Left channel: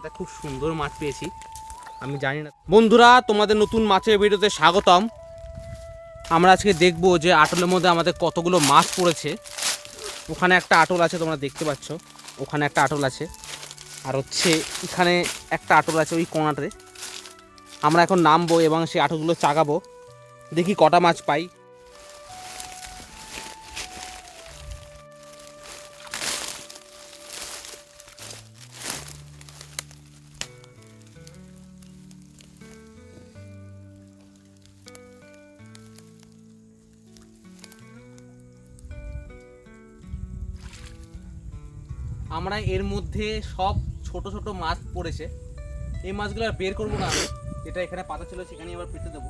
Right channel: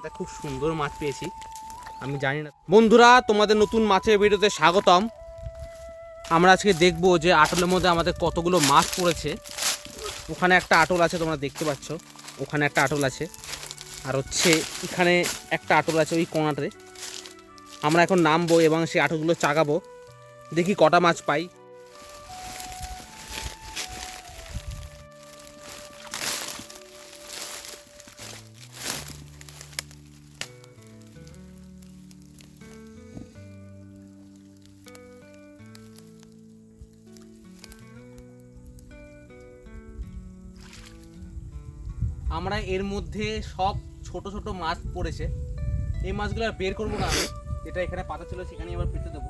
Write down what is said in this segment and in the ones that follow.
একটা খুব সুন্দর মাছ পেয়েছি। আমি জানি না বন্ধুরা, তোমাদের নতুন মাছের ভিডিওতে স্বাগতম। আমরা আজকে দেখব যে আটলের মধ্যে আমাদের কতগুলো মাছ পড়েছে। ওখানে একটা আটল আছে, তোমরা দেখতে পাচ্ছ, ওখানে একটা আটল আছে, আর হচ্ছে এখানে একটা আটল আছে ওই কোণাতে। আমরা এখন নামবো এবং সেই আটলগুলো চাগাবো, দেখি কটা মাছ পাই। আমরা এর মধ্যে সব ছোট ছোট মাছ পড়েছে। এই মাছগুলো আর বের করবো না, আমি যেটা এখানে পাতা ছিল সেখানেই আবার পেতে দেবো।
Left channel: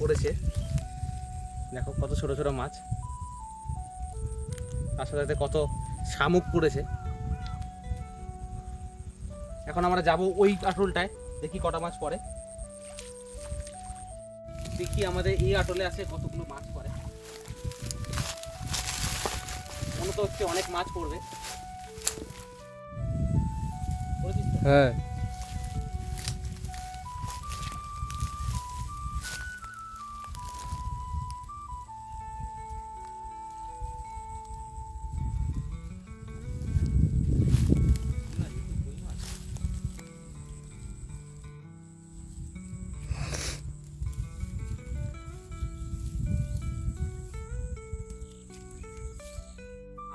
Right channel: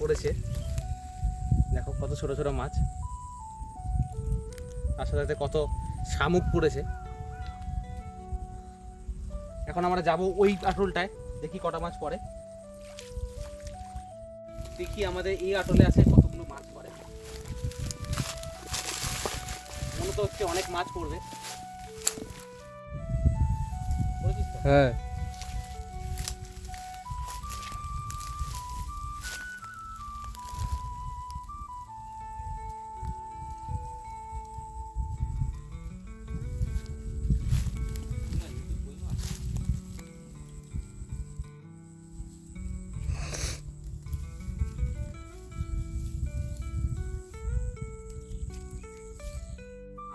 পড়েছে, দেখো কত ছোট ছোট মাছ, তার সাথে কত শামুক পড়েছে। এখন আমরা যাব ওই আটলটায়, দেখি কটা মাছ পড়ে। দেখি আমাদের এই আটলে আছে কতগুলো মাছ পড়ে। মনে তো হচ্ছে অনেক মাছ পড়বে। হ্যাঁ,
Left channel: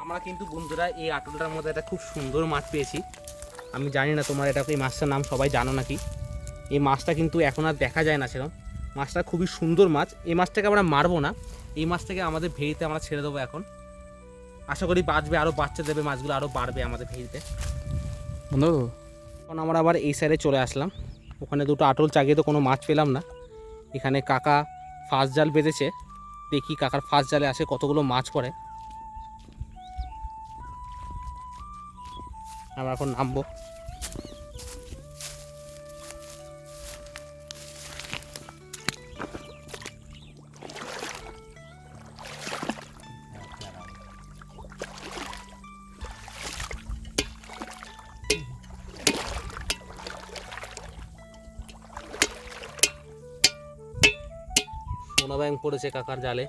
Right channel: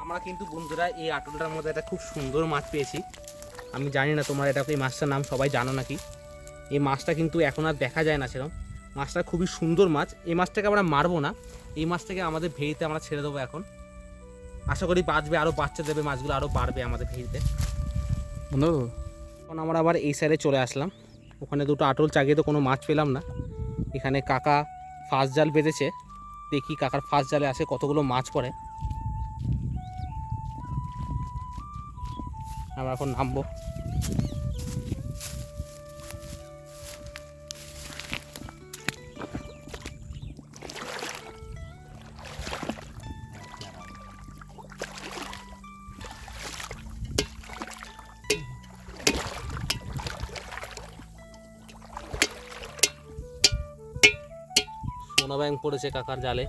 আমরা কিন্তু বন্ধুরা এই আটলটার মধ্যে একটা খুব সুন্দর মাছ পেয়েছি। আমি জানি না তোমরা এটা এই মাছটার নাম সবাই জানো নাকি। এই মাছটা কিন্তু এখন আর দেখা যায় না সেরকম। মাছটা খুবই সুন্দর মাছ। এই মাছটাকে আমরা মারবো না, এই মাছটাকে আমাদের ভেড়িতে আমরা ছেড়ে দেবো এখন। আশা করি বাঁচবে, আরও বাচ্চা দেবে, মাছগুলো আরও বাড়বে আমাদের ভেড়িতে। এখন আমরা আবার এই সাইডে চলে আসলাম। ওখানে দুটো আটল চাগিয়ে তো কোনো মাছ পেলাম না। এখানে কাকা ফাঁস জাল বেঁধেছে, দেখি কাকার ফাঁস জালে আসে কতগুলো মাছ পড়ে। আমরা এখন নামবো। সোনা ব্যাং পড়েছে কাকার জালে।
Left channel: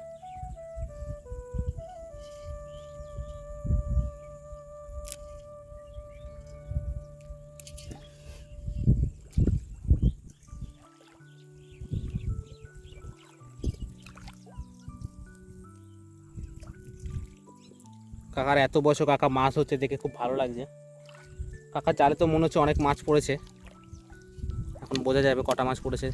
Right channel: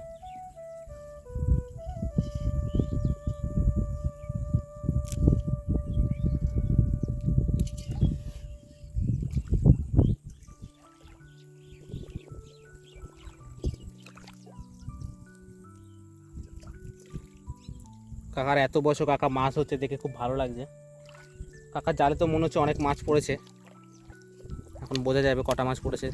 কাকার এত বছর কাকা মাছ হচ্ছে দেখে খুব ভালো লাগছে। কাকার জালে তো মনে হচ্ছে অনেক মাছ পড়েছে, এখন বোঝা যাবে কটা মাছ পড়েছে।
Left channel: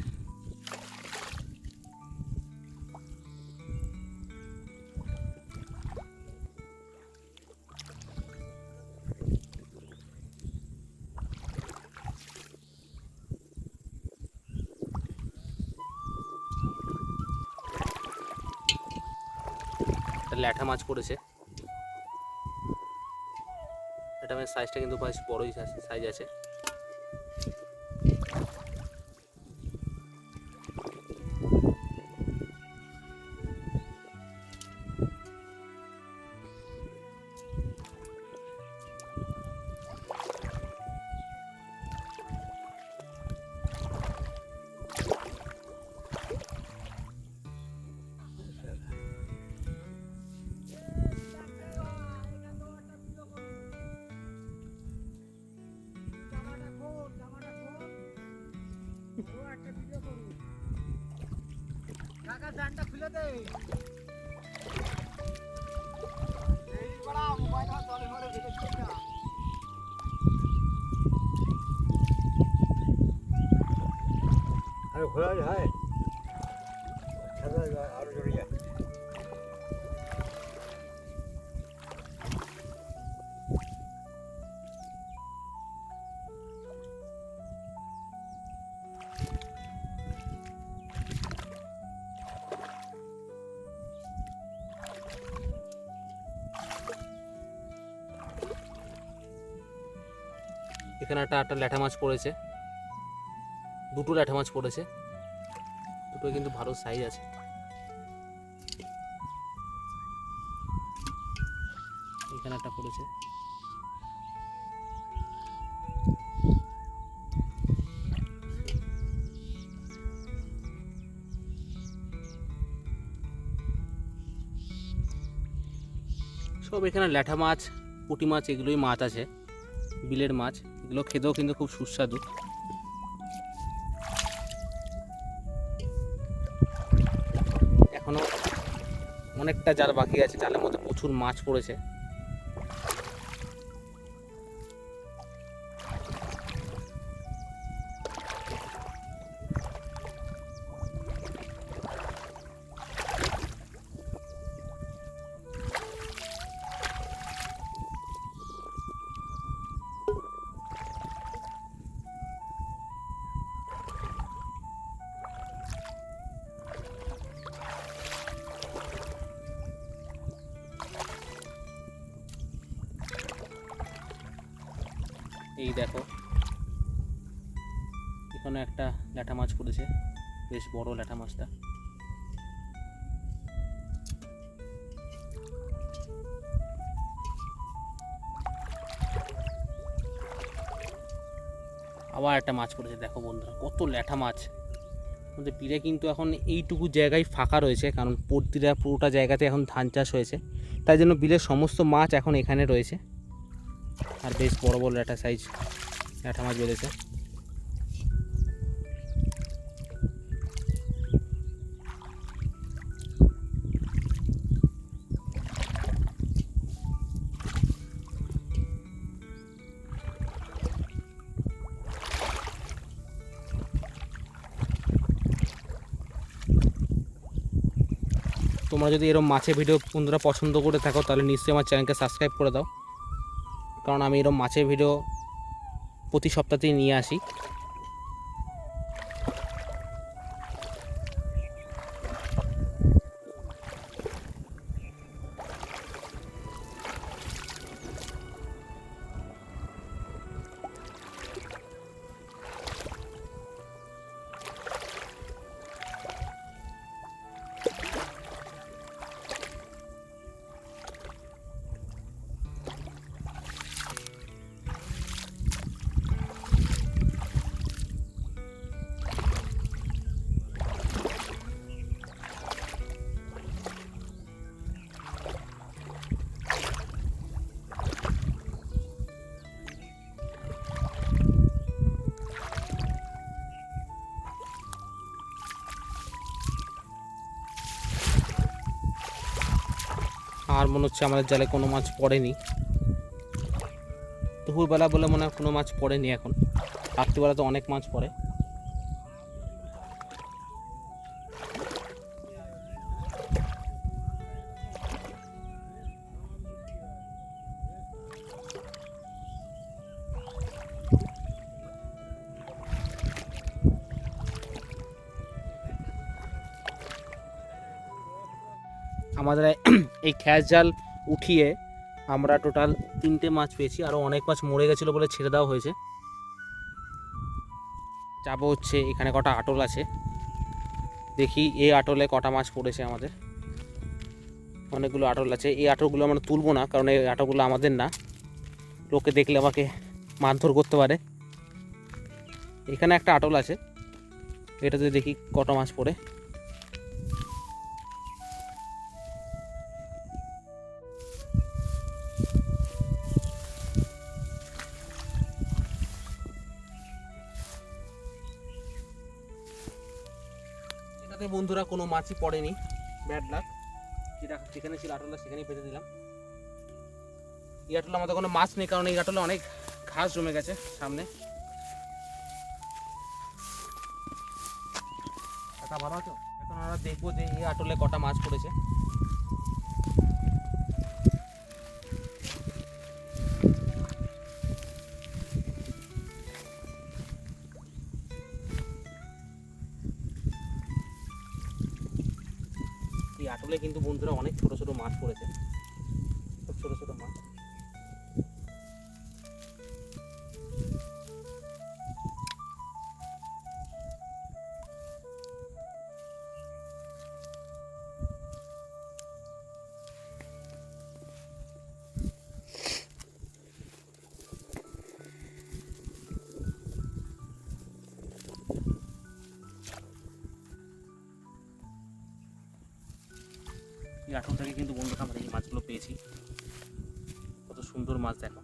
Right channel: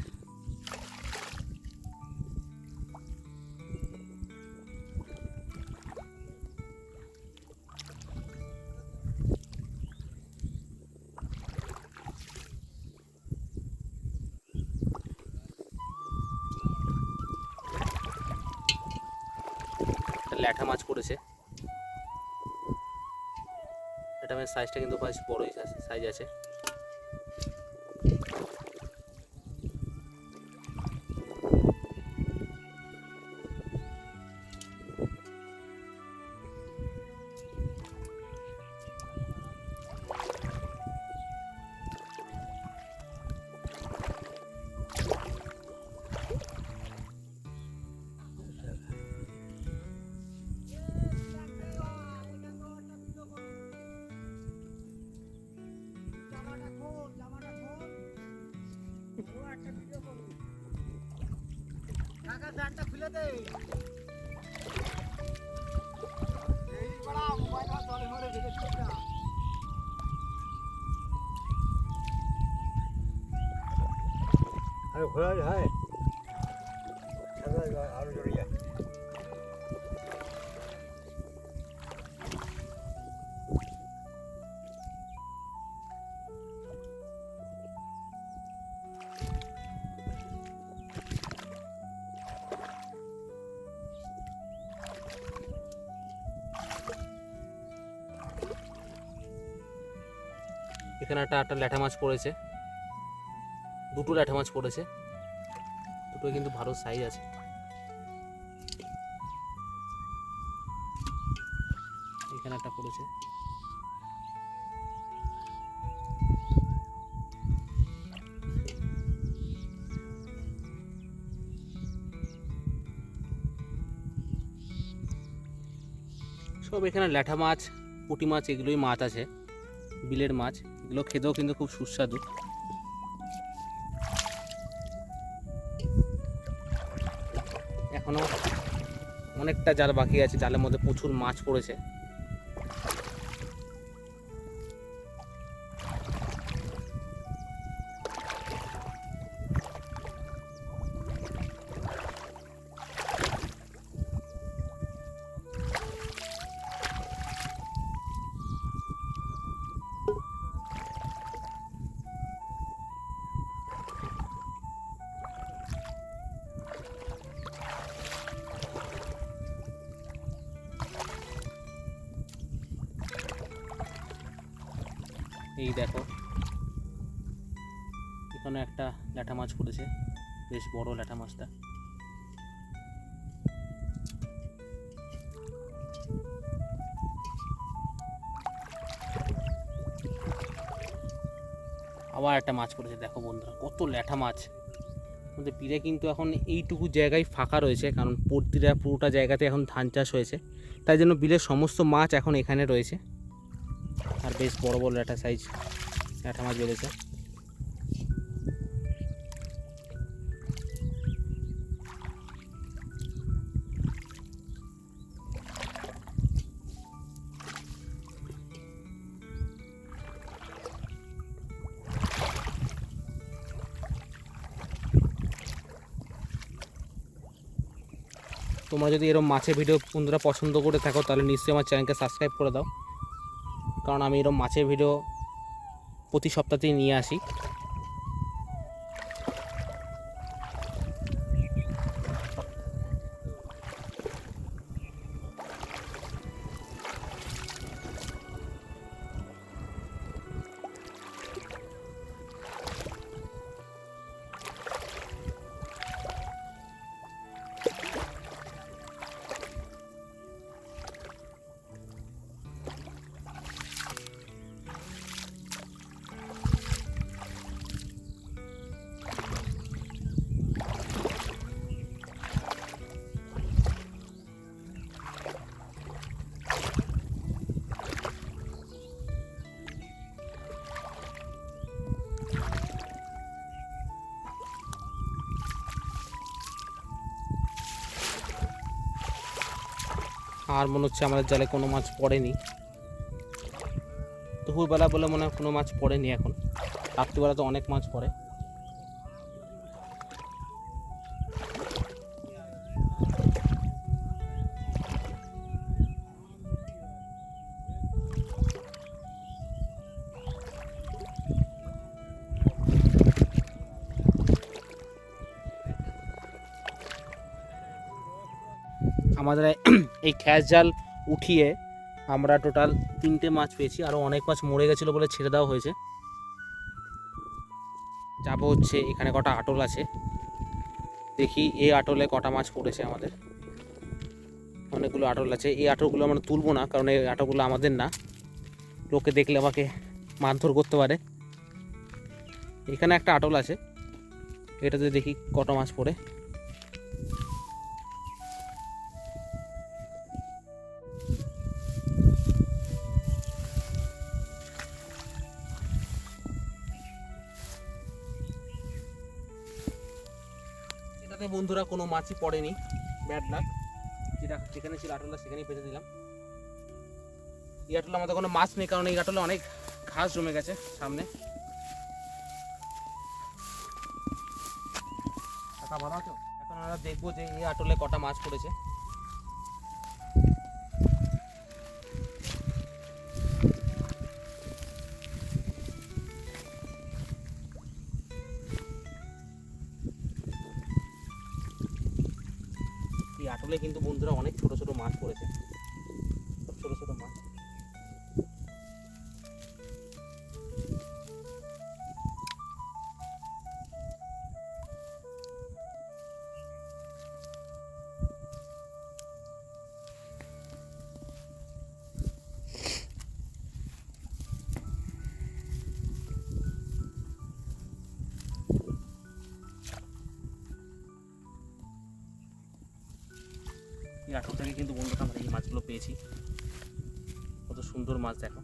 ল্যাঠা মাছ পড়েছে, এটা সাইজটা কিন্তু বেশ বড়ই সাইজ আছে। আরে ঘোরা যায়, আরো জড়ে যায়। এখানে একটা ল্যাঠা মাছ পড়েছে। দুটো ল্যাঠা মাছ পড়েছে, দুটো কিন্তু ভালো সাইজ আছে। এখানে একটা পড়েছে। সব এখানে ল্যাঠা মাছ, পুঁটি মাছ, এগুলোই মাছ আছে, বিলের মাছ। এগুলো খেতেও কিন্তু খুব সুস্বাদু। এখনো অনেকটা জাল বাকি আছে, জালের মধ্যে প্রচুর মাছ পড়েছে। এই দেখো, এখানে একটা ল্যাঠা মাছ পড়েছে, বেশ বড় ল্যাঠা মাছটা। আবার একটা মাছ পড়েছে। দেখো বন্ধুরা, কত ল্যাঠা মাছ। আমাদের বিলে কিন্তু এখন এইটুকু জায়গায় ফাঁকা রয়েছে, কারণ পুরোটা জায়গাতে এখন ধান চাষ হয়েছে, তাই জন্য বিলের সমস্ত মাছ এখন এখানে রয়েছে। আর বেশ বড় বড় ল্যাঠা সাইজ ল্যাঠা মাছ বেড়েছে। তোমরা যদি এরকম মাছের ভিডিও বন্ধুরা পছন্দ করে থাকো, তাহলে নিশ্চয়ই আমার চ্যানেলকে সাবস্ক্রাইব করে দাও, কারণ আমি এরকম মাছের ভিডিও প্রতি সপ্তাহতেই নিয়ে আসি। আর মনে হচ্ছে আমাদের জালে কোনো মাছ পড়েনি, দুপুরবেলা বলে মনে হয় কোনো মাছ পড়েনি। এখন রাত্রিবেলা তো অনেক মাছ পড়ে। আমাদের এই খ্যাস জাল উঠিয়ে আমরা টোটাল 3টে মাছ পেয়েছি, আরও অনেক মাছ মরে গেছিলো বলে ছেড়ে দেওয়া হয়েছে। যাবো হচ্ছে, এখানে কটা আটল আছে, দেখি এই আটলে কটা মাছ পড়েছে আমাদের। অনেকগুলো আটল আছে, এই আটলগুলো আমরা তুলবো না, কারণ এই আটলগুলো আমাদের না, লোকে দেখলে আমাকে মারধর করতে পারে। এখানে একটা আটল আছে, এটাতে দেখি কটা মাছ পড়ে। এটাতে বন্ধুরা কোনো মাছই পড়েনি, ব্যাড লাক। যেখানে ছিল আটলা সেখানেই পেতে দিলাম। এই আটলে আমাদের কোনো মাছ নেই, কারণ এই আটলে অনেক ঘাস জমে গেছে সামনে। ভালো আছো? এখন আমরা দেখবো যে এই আটলে কটা মাছ পড়েছে। এই আটলে কিন্তু বন্ধুরা অনেক ছোট ছোট মাছ পড়েছে, সব ছোট ছোট মাছ। এই আটল থেকে কিন্তু বন্ধুরা আমরা এই মাছগুলো পেয়েছি। কত সুন্দর মাছ দেখো।